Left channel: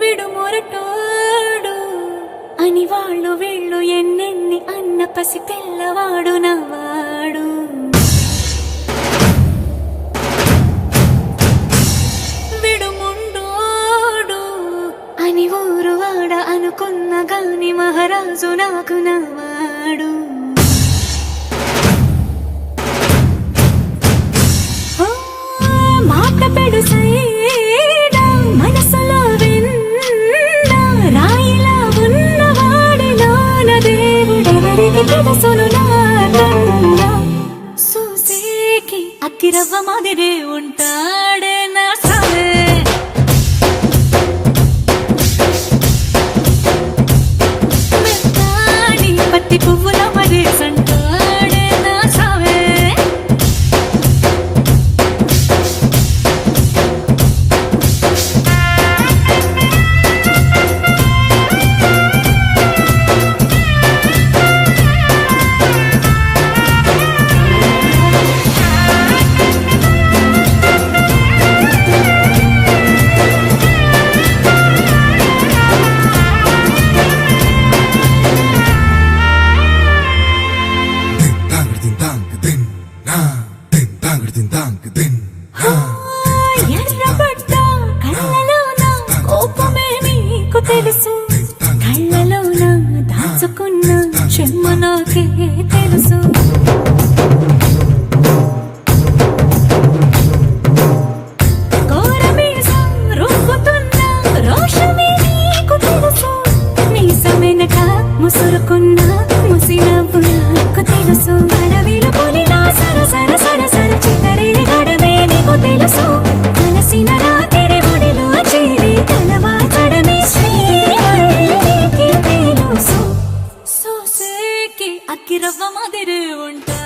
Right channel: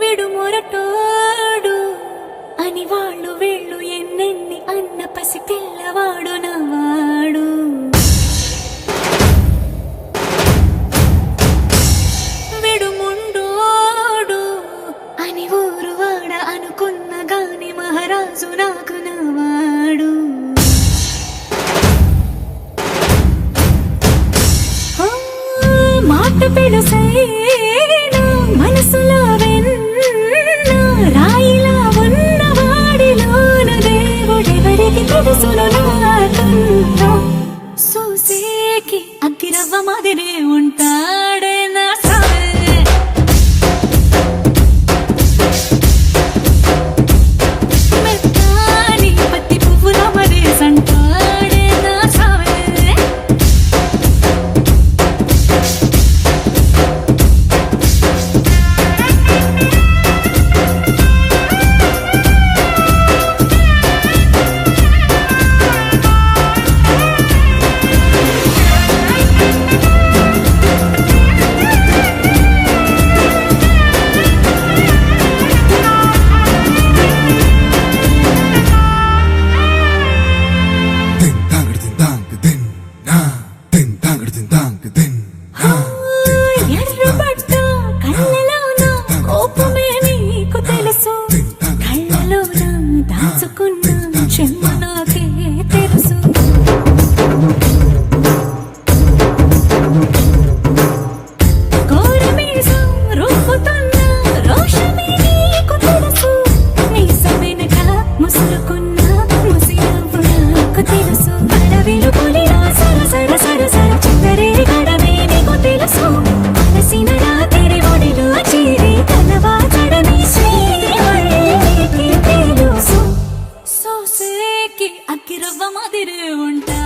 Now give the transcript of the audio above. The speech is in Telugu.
విడుమొరటోడు అని వాళ్ళు వెళ్ళు ఎన్నెన్ని అన్న పసి పిల్లవాడు నవ్వాడు. విడుముండోడు అని ఊరు వాడ అనుకున్న గాని మహారాజు నాకు నవ్వాడు. మాట పెడుసై దేవుడెవరికి నా కన్నా సూసేకి అగ్గిరవ్వ మాదిరే ఉంటా. Ding dang కళ్ళలోన? కోపమే నీకు తెలుసు. కళ్ళలోన? దాచుకున్న చెమ్మ నాకే తెలుసు. ముసురుకున్న ముసినవ్వు నాకు తెలుసు. అడవిలు పులిలా సరసర శ్రీహరికి తెలుసు సోసేకి అగ్గిరవ్వ మాదిరి ఉంటా